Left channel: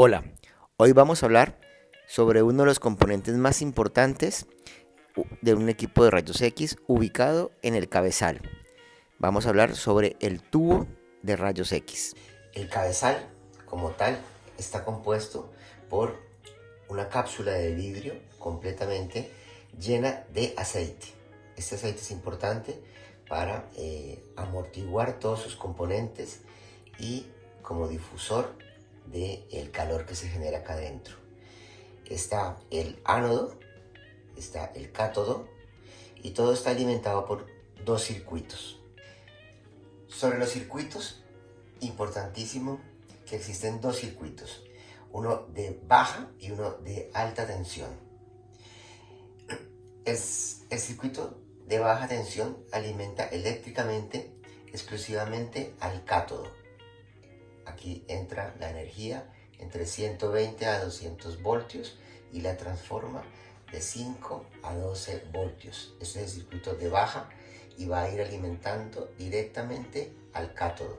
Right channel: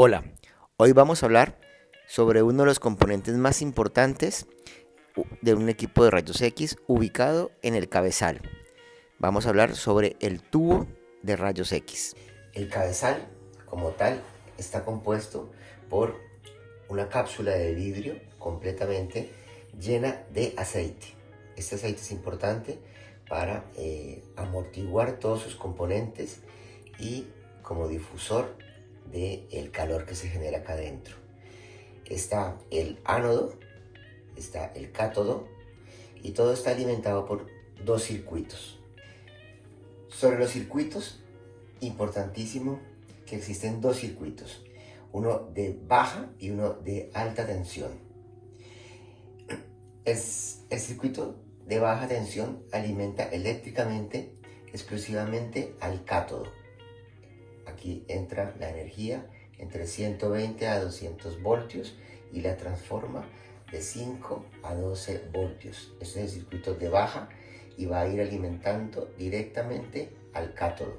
Hola, hoy vamos a hablar sobre uno de los componentes más importantes de un equipo de rayos X ubicado en el cabezal. Vamos a hablar sobre el tubo de rayos X. El cabezal, como tal, está compuesto por una cápsula de vidrio completamente llena de aceite. Este aceite es importante para amortiguar todos sus componentes y como difusor del calor que se genera acá adentro. Está el ánodo, está el cátodo y todo está alimentado por dos circuitos. Sobre los circuitos, importantísimo que existen dos circuitos, uno de baja y uno de alta tensión. El circuito de baja tensión alimenta eléctricamente exclusivamente al cátodo. Aquí entra la energía entre 120 a 200 voltios y la transforma de 5 a 12 voltios. Este es el circuito de baja y va a ir alimentando directamente al cátodo.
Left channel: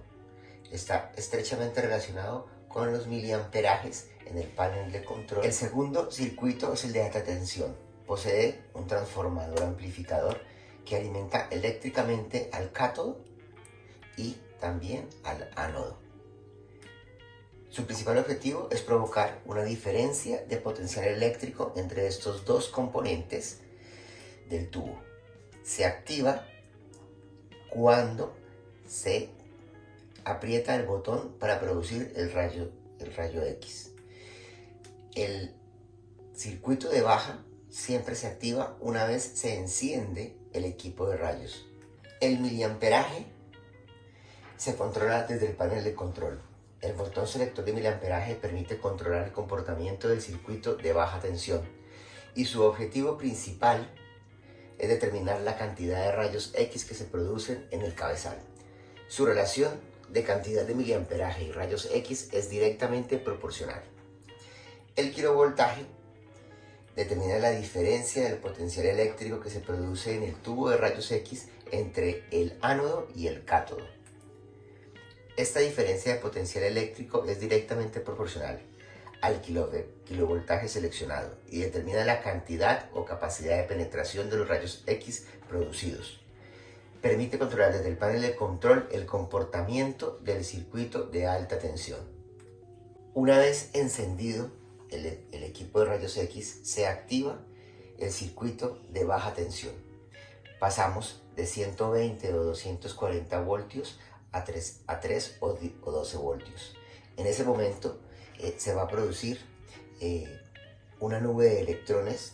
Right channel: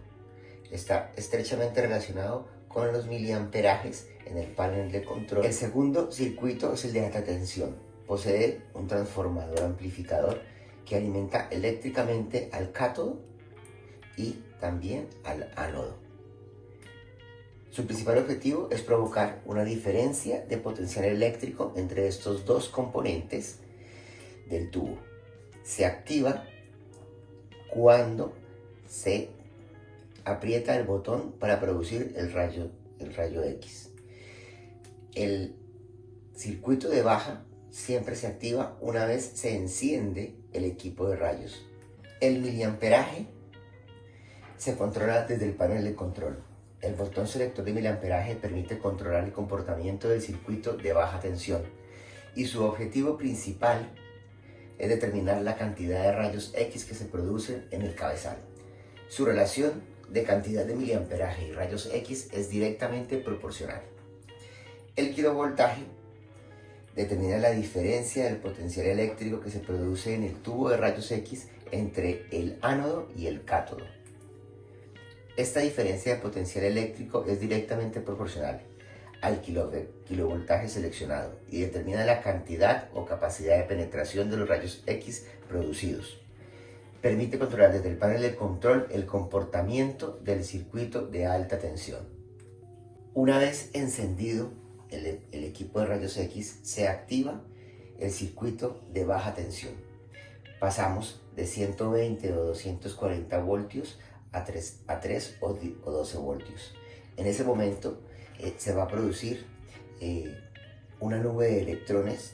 Está estrechamente relacionado con los miliamperajes en el panel de control. El segundo circuito es el de alta tensión. Posee un transformador amplificador que alimenta eléctricamente al cátodo y también al ánodo. Su principal objetivo es provocar una diferencia de potencial eléctrico entre estos dos componentes del tubo. Se activa cuando se aprieta el botón para producir el rayo X. El circuito de baja siempre se activa una vez se enciende el equipo de rayos. El miliamperaje se controla desde el panel de control. El botón selector de miliamperaje permite controlar el comportamiento del circuito de baja tensión y su objetivo principal es determinar la cantidad de rayos X que se producen en el cabezal. Su relación de cantidad de miliamperaje y rayos X es directamente proporcional. El kilovoltaje determina la diferencia del potencial eléctrico que se produce en el tubo de rayos X entre el ánodo y el cátodo. Esta diferencia de potencial eléctrico es directamente proporcional al kilovoltaje seleccionado y determina la cantidad o capacidad de penetración de los rayos X producidos. Permite controlar desde el panel de control el comportamiento del circuito de alta tensión. Una vez encendido el equipo de rayos X, se activa el circuito de baja tensión. Pasamos de 120 o 240 voltios a 3 o 12 voltios. En ese momento se va a producir una nube de electrones,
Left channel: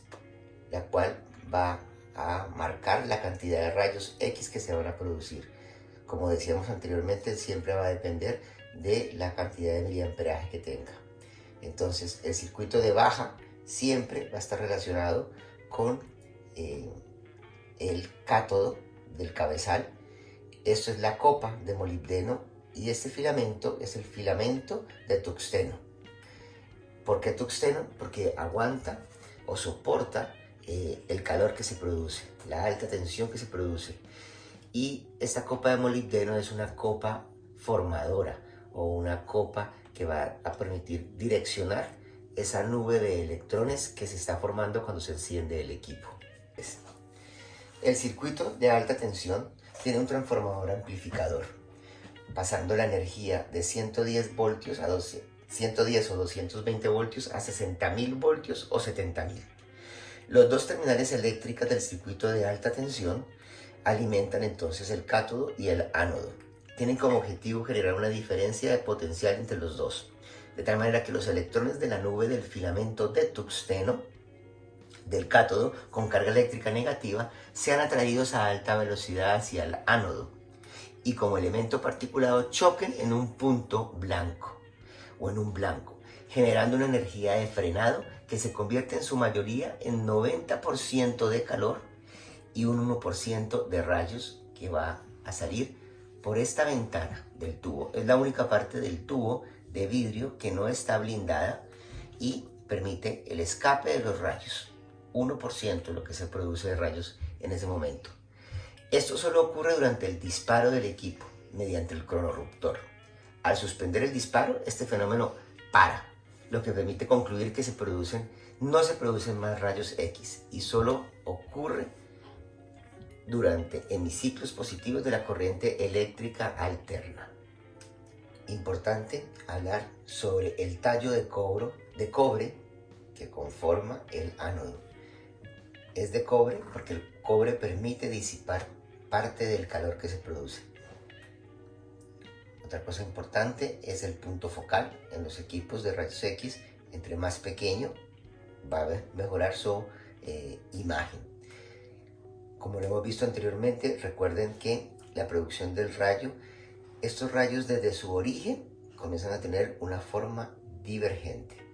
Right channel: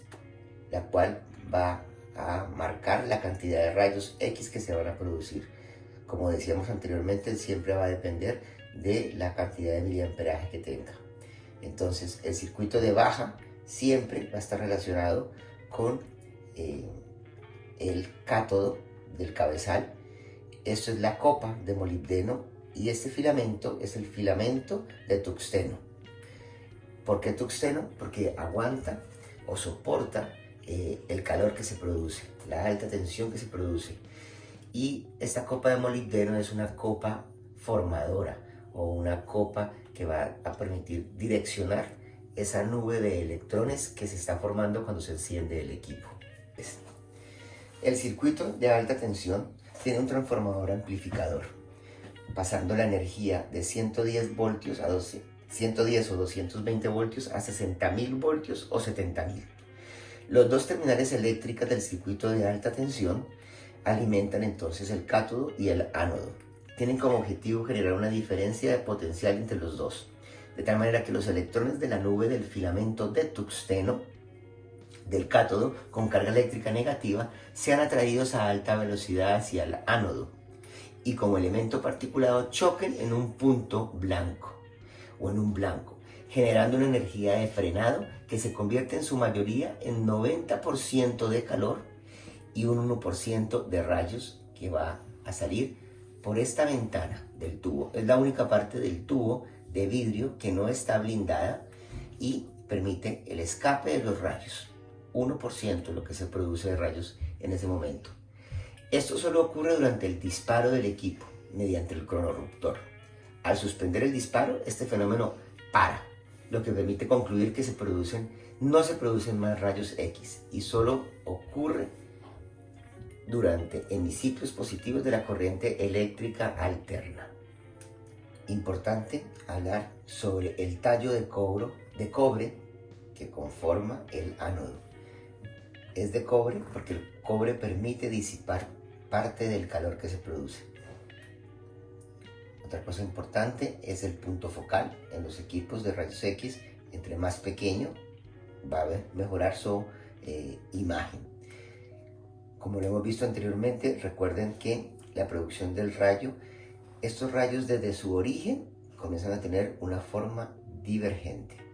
la cual va a marcar la cantidad de rayos X que se van a producir. Como decíamos anteriormente, siempre va a depender de la cantidad de miliamperaje que tenga. Entonces, el circuito de baja siempre va a estar relacionado con el cátodo del cabezal. Esto es la copa de molibdeno y este filamento es el filamento de tuxteno. ¿Por qué tuxteno? Porque aguanta o soporta el calor que se produce, la alta tensión que se produce. Y esta copa de molibdeno es una copa formadora o una copa que va a permitir direccionar esa nube de electrones que se está formando cuando se enciende el equipo. El circuito de alta tensión tiene un transformador amplificador, pasando la energía de 110 voltios a 110 o 220 voltios a 60.000 voltios o 70.000. Los dos terminales eléctricas del circuito de alta tensión alimentan entonces el cátodo y el ánodo. Tienen como objetivo generar una diferencia de potencial entre los dos, de tal manera que los electrones de la nube del filamento de tuxteno del cátodo con carga eléctrica negativa sean atraídos a alta velocidad hacia el ánodo y como elemento particulado choquen en un punto blanco o en un blanco, generando una energía de frenado que se convierte en su mayoría en 90% de calor y un 1% de rayos que va a salir por esta ventana del tubo. Es la única parte del tubo de vidrio que no está blindada y permite el escape de los rayos. 1% lo que se produce de rayos en ese momento. Esto solo ocurre durante el disparo del equipo mediante el cronorruptor. Al suspender el disparo, este fenómeno para lo que permite concluir que no se producen más rayos X y solo ocurre durante hemiciclos positivos de la corriente eléctrica alterna. Importante hablar sobre el tallo de cobre que conforma el ánodo. Es de cobre porque el cobre permite disipar parte del calor que se produce. Otra cosa importante es el punto focal en los equipos de rayos X. Entre más pequeño va a mejorar su imagen. Como lo hemos visto anteriormente, recuerden que la producción del rayo, estos rayos desde su origen comienzan a tener una forma divergente.